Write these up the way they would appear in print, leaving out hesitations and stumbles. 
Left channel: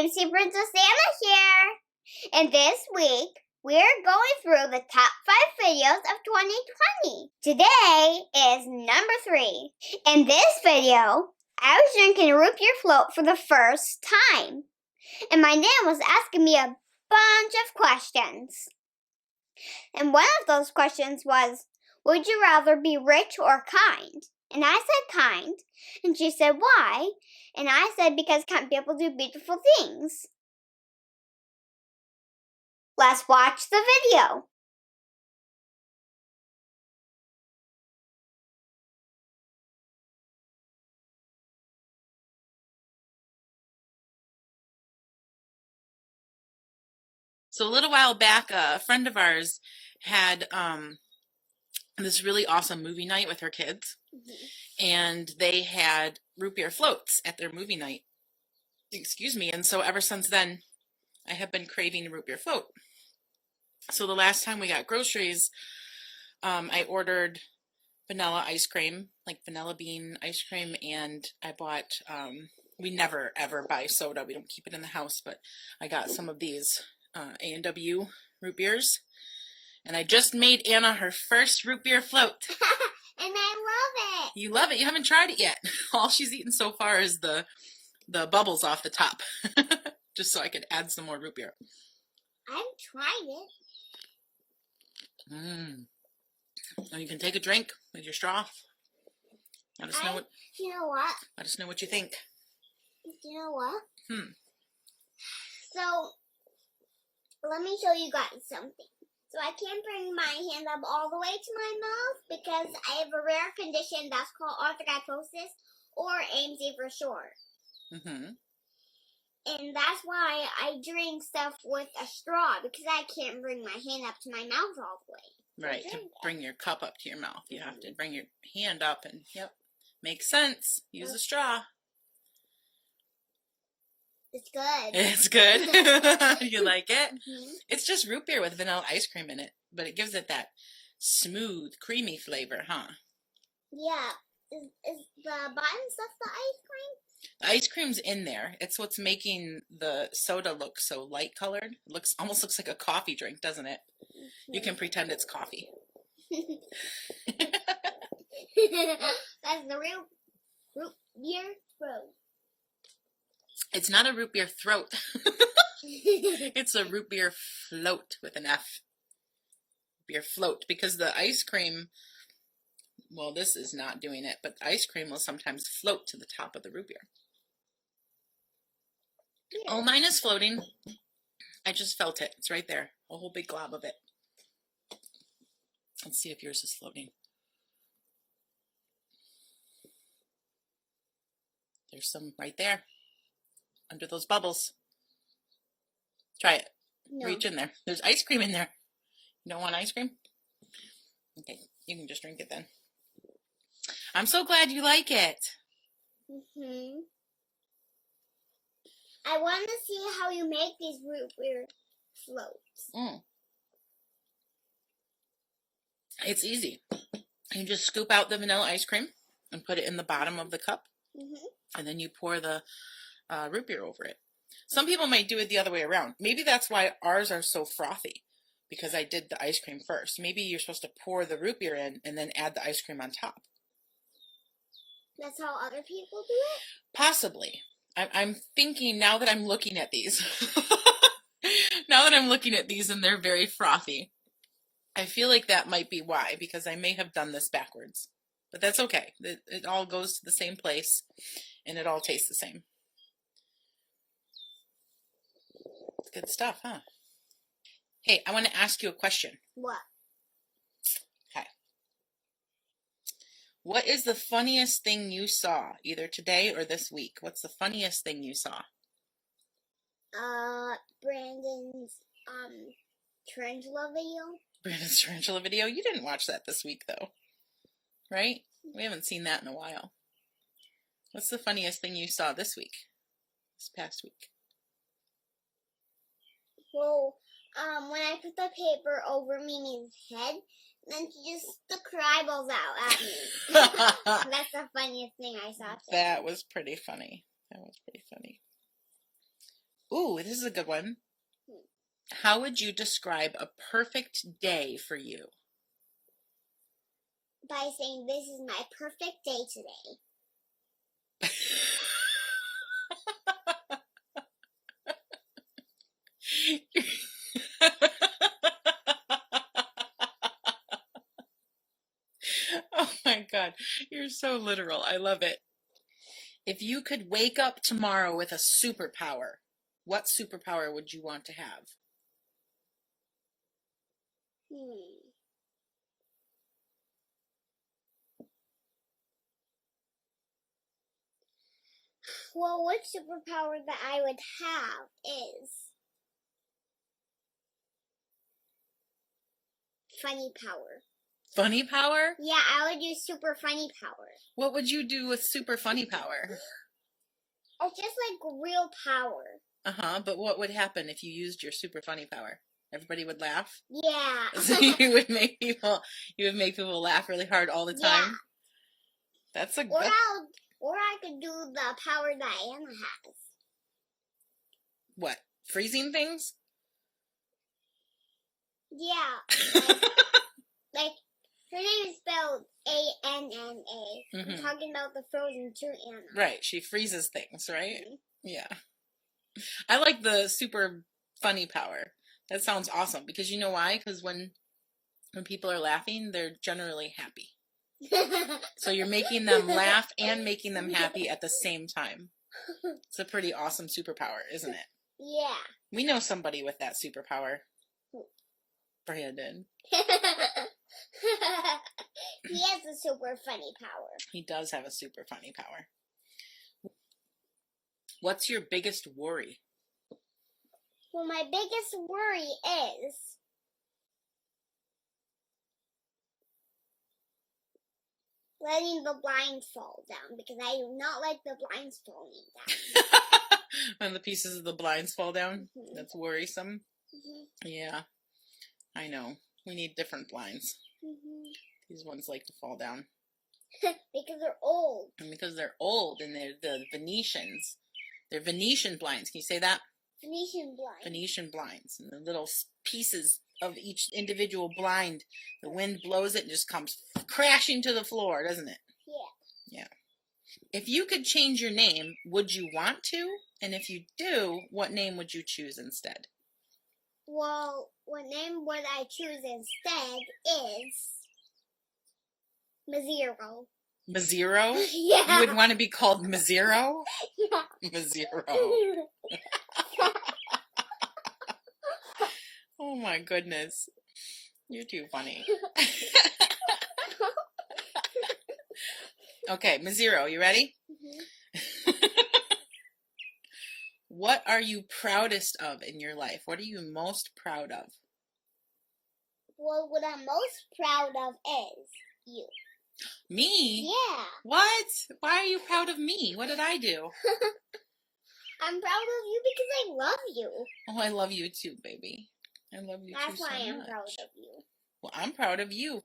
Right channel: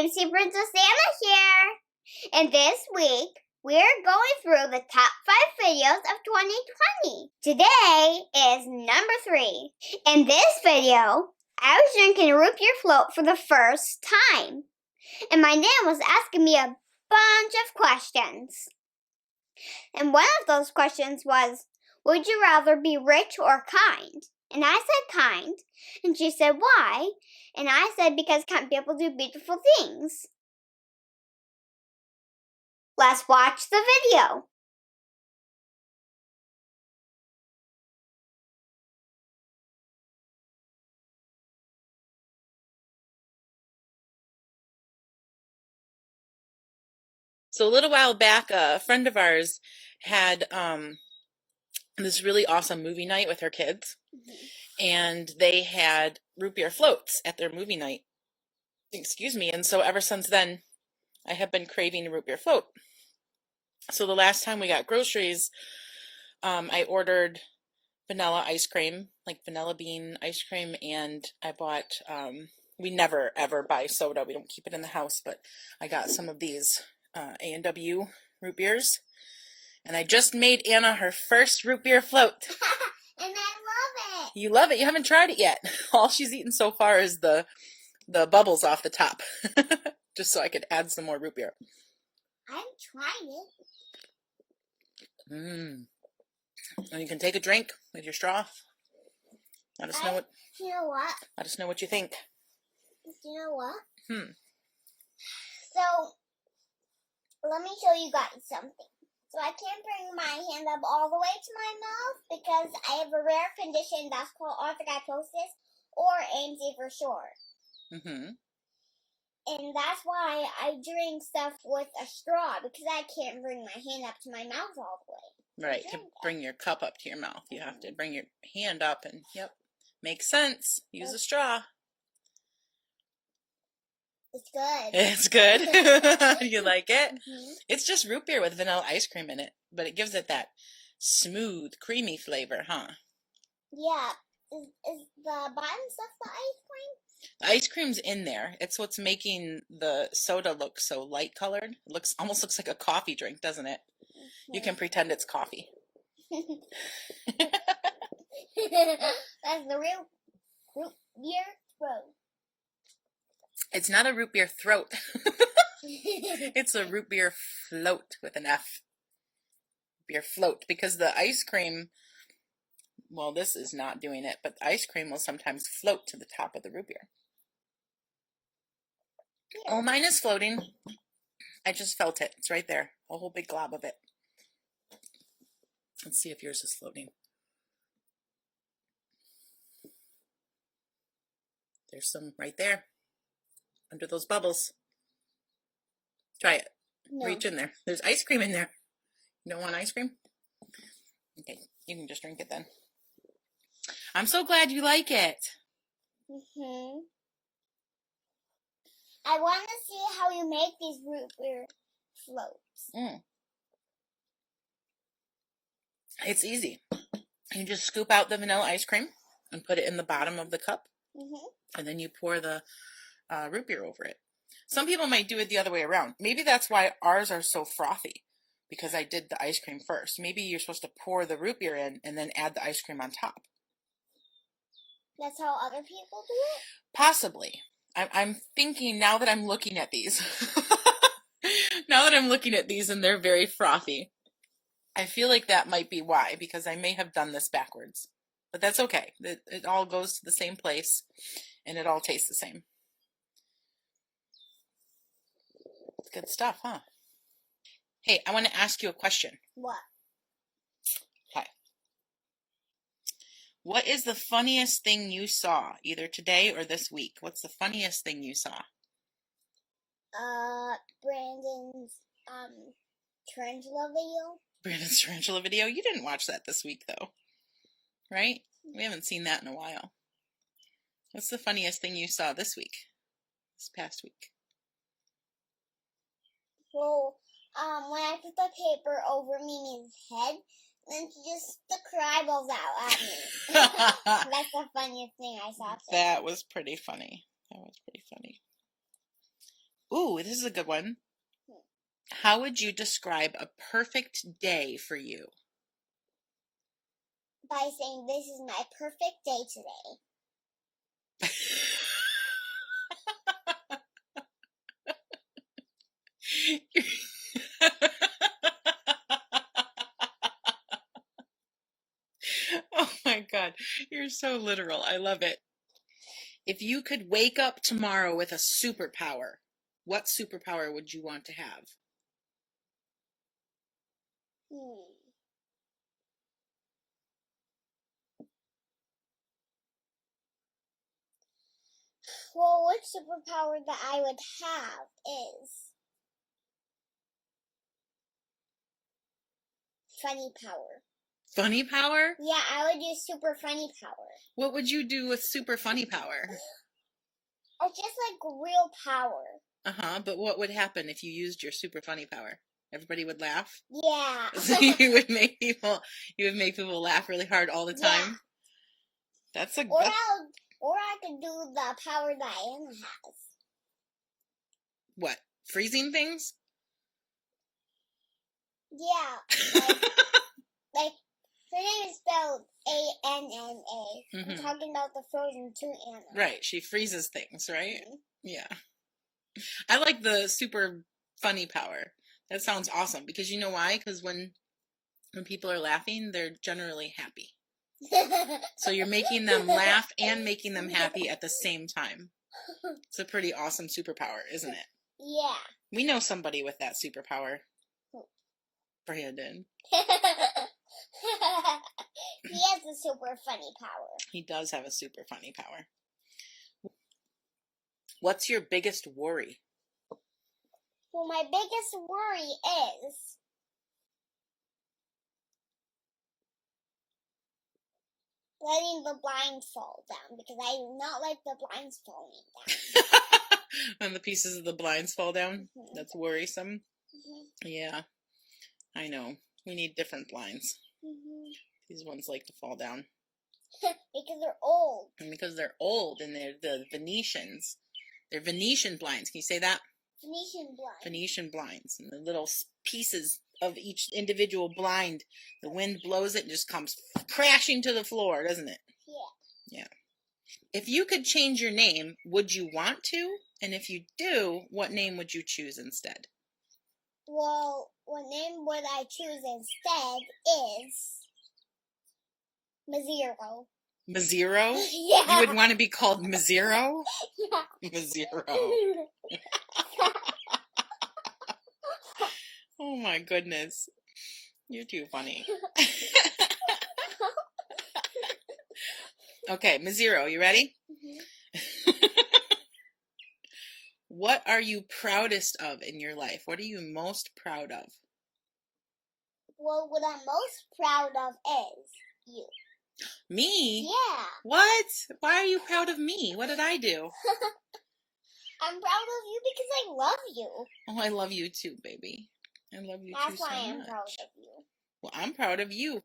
AMC Princess Ana here. And this week, we're going through the top 5 videos of 2020. Today is number 3. In this video, I was drinking a root beer float for the first time. And my nan was asking me a bunch of questions. And one of those questions was, would you rather be rich or kind? And I said kind. And she said, why? And I said, because kind people do beautiful things. Let's watch the video. So a little while back, a friend of ours had this really awesome movie night with her kids. And they had root beer floats at their movie night. Excuse me. And so ever since then, I have been craving a root beer float. So the last time we got groceries, I ordered vanilla ice cream, like vanilla bean ice cream, and I bought, we never ever buy soda. We don't keep it in the house, but I got some of these A&W root beers. And I just made Anna her first root beer float. And I love it. You love it. You haven't tried it yet. All she's eaten so far is the bubbles off the top. Just so I could add some more root beer. I've tried it. And you can take a drink with your straw. Let us know what. You know what? Let us know what you think. You know what? So, let me show you guys something. So I can't bring my hand up all the way to my mouth because I have a rare condition that's called arthrogryposis, or AMC for short. And that's why I drink stuff with a straw, because I can't bring my hand up to my mouth all the way. Right, to bring your cup up to your mouth. You have to bring your hand up and, yep, makes sense. Use a straw. It's good. It's good. You like it? It's just root beer with vanilla ice cream in it, but it gives it that smooth, creamy flavor, huh? Yeah. Is the bottom stuff the ice cream? The ice cream's in there. It's what's making the soda look so light colored. It almost looks like a coffee drink, doesn't it? You can pretend it's coffee. That's the real root beer throat. It's not a root beer throat. It's a root beer float with an F. Beer float. Because the ice cream, well, this is not doing it, but the ice cream will sometimes float to the top of the root beer. Yeah. Oh, mine is floating. I just felt it. It's right there. A whole big glob of it. Let's see if yours is floating. There's some right there. Under those bubbles. Try it. No. Reach in there. There's ice cream in there. You don't want ice cream? Okay, you can just drink it then. I'm so glad you like it. I want to see how you make these root beer floats. It's easy. You just scoop out the vanilla ice cream and put it in the bottom of the cup. And then you pour the root beer over it. Some people might do it the other way around. Maybe that's why ours are so frothy, because I did the ice cream first. Maybe you're supposed to pour the root beer in and then add the ice cream on top. That's how other people do it? Possibly. I'm thinking now that I'm looking at these. Now that I'm looking at these and they're very frothy, I feel like that might be why, because I may have done this backwards. But that's okay. It all goes to the same place and it all tastes the same. Good stuff, huh? Hey, I want to ask you a question. What? Okay. What is the funniest thing you saw, either today or this week? What's the funniest thing you saw? Brandon's tarantula video. Brandon's tarantula video? You didn't watch that this week, though. Right? We haven't seen that in a while. What's the funniest thing you saw this week? This past week? Well, when I put the paper over Mimi's head, then she just stuck her eyeballs out at me. That's the funniest thing I saw today. That was pretty funny. That was pretty funny. Ooh, this is a good one. How would you describe a perfect day for you? By saying, this is my perfect day today. Oh my God, you're so literal. I love it. If you could wake up tomorrow with a superpower, what superpower would you want to have? Well, what superpower that I would have is funny power. Funny power? Yeah, I would use super funny power. What would you do with super funny power? Or just like real power. But what would happen if you used your super funny power? Everybody would laugh? Yeah. So you would make people laugh really hard all the time? Yeah. That's a Or good... Or I could do the power that Anna has. What? Freezing things? Yeah. Like her name is spelled ANNA. I'm talking about the Frozen 2 Anna. Right. She freezes things, right? Yeah. I like the super funny power. That sounds awesome. Because you know why? Because when people are laughing, they're generally happy. So you're making them laugh and making them happy at the same time. It's a pretty awesome superpower, isn't it? Yeah. We know somebody with that superpower. Brandon. He has a super funny power. He does have a super funny power. What's your biggest worry? Well, my biggest worry is letting the blinds fall down, because I do not like the blinds falling down. When the pieces of the blinds fall down? That's worrisome. Yeah, I know. We need different blinds. These ones like to fall down. Because they're old. And because they're old, and they're the Venetians. They're Venetian blinds. Can you say that? Venetian blinds. Venetian blinds. And the little pieces of each individual blind, the wind blows it and just comes crashing to the floor, doesn't it? Yeah. If you could change your name, would you want to? And if you do, what name would you choose instead? Well, what name would I choose instead is Mazero. Mazero? Yeah. You would want to be called Mazero? Yeah. Mazero. Oh my goodness. You're too funny. Okay, Mazero, you ready? What are you proudest of in your life? What are you most proud of? Well, what I'm most proud of is you. Me? Yeah. What? Why are you proud of me? What did I do? I'm proud of you because I love you. Oh, I love you too, baby. I love you too so much. That's why I'm proud of you. Well, I'm proud of you.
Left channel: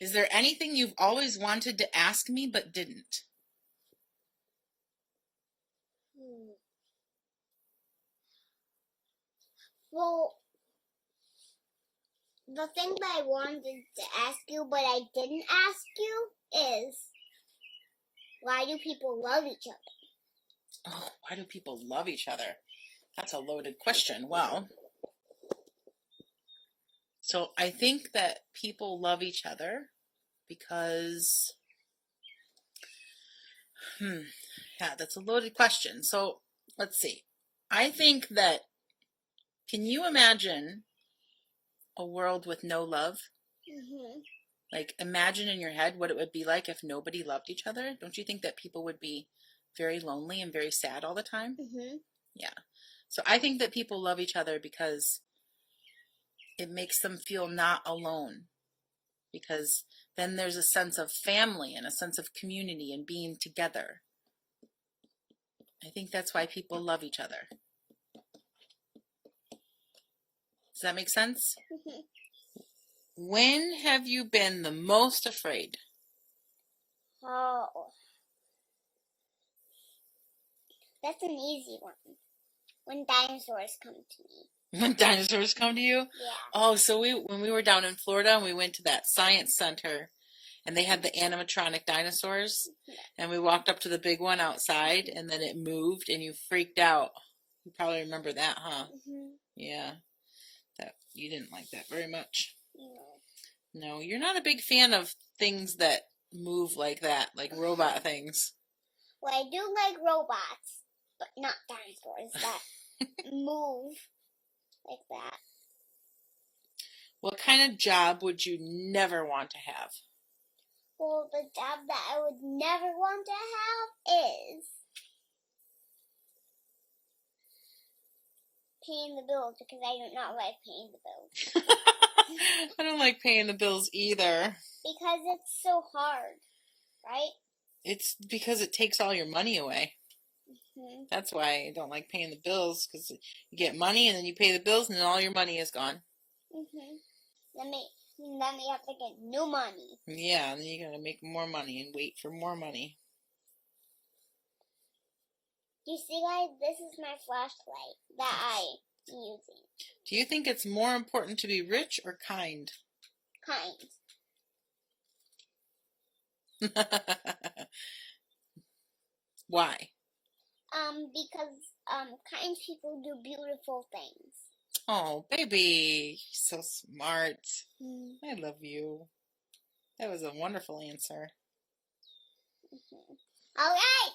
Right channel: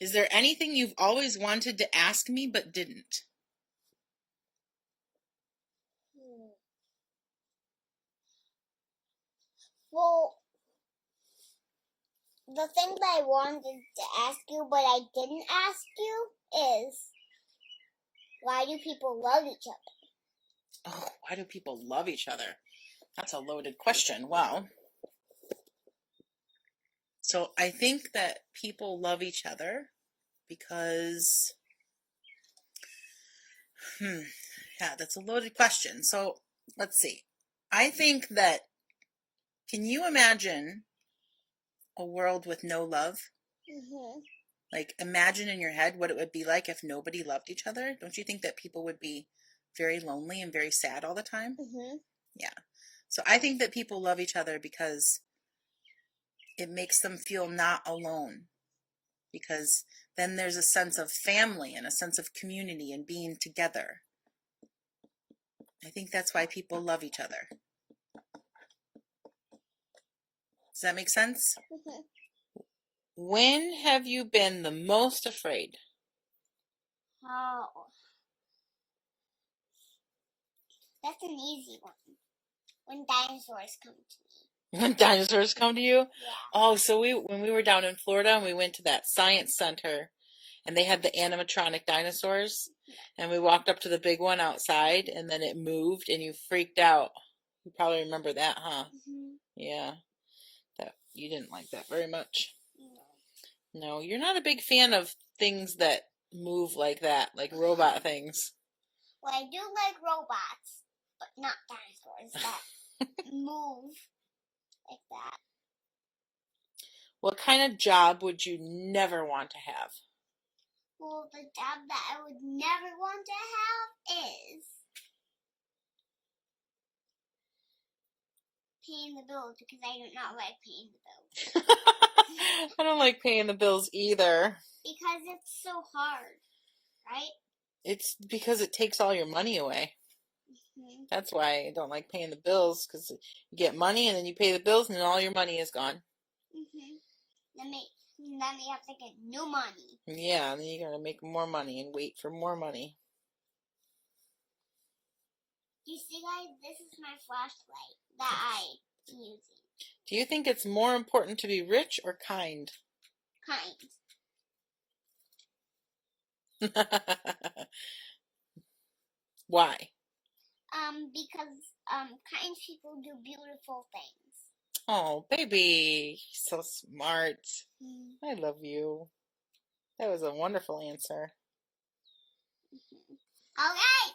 Is there anything you've always wanted to ask me but didn't? Well, the thing that I wanted to ask you but I didn't ask you is, why do people love each other? Oh, why do people love each other? That's a loaded question. Well, so I think that people love each other because, yeah, that's a loaded question. So let's see. I think that, can you imagine a world with no love? Like, imagine in your head what it would be like if nobody loved each other. Don't you think that people would be very lonely and very sad all the time? Yeah. So I think that people love each other because it makes them feel not alone. Because then there's a sense of family and a sense of community and being together. I think that's why people love each other. Does that make sense? When have you been the most afraid? Oh. That's an easy one. When dinosaurs come to me. When dinosaurs come to you? Yeah. Oh, so when we were down in Florida and we went to that science center and they had the animatronic dinosaurs and we walked up to the big one outside and then it moved and you freaked out. You probably remember that, huh? Mm-hmm. Yeah. You didn't like that very much. No. No, you're not a big fan of things that move like that, like robot things. Well, I do like robots, but not dinosaurs that move like that. What kind of job would you never want to have? Well, the job that I would never want to have is paying the bills, because I do not like paying the bills. I don't like paying the bills either. Because it's so hard, right? It's because it takes all your money away. Mm-hmm. That's why I don't like paying the bills, because you get money and then you pay the bills and then all your money is gone. Mm-hmm. Then you have to get new money. Yeah, and then you gotta make more money and wait for more money. You see, guys, this is my flashlight that I'm using. Do you think it's more important to be rich or kind? Kind. Why? Because kind people do beautiful things. Oh, baby, so smart. I love you. That was a wonderful answer. All right.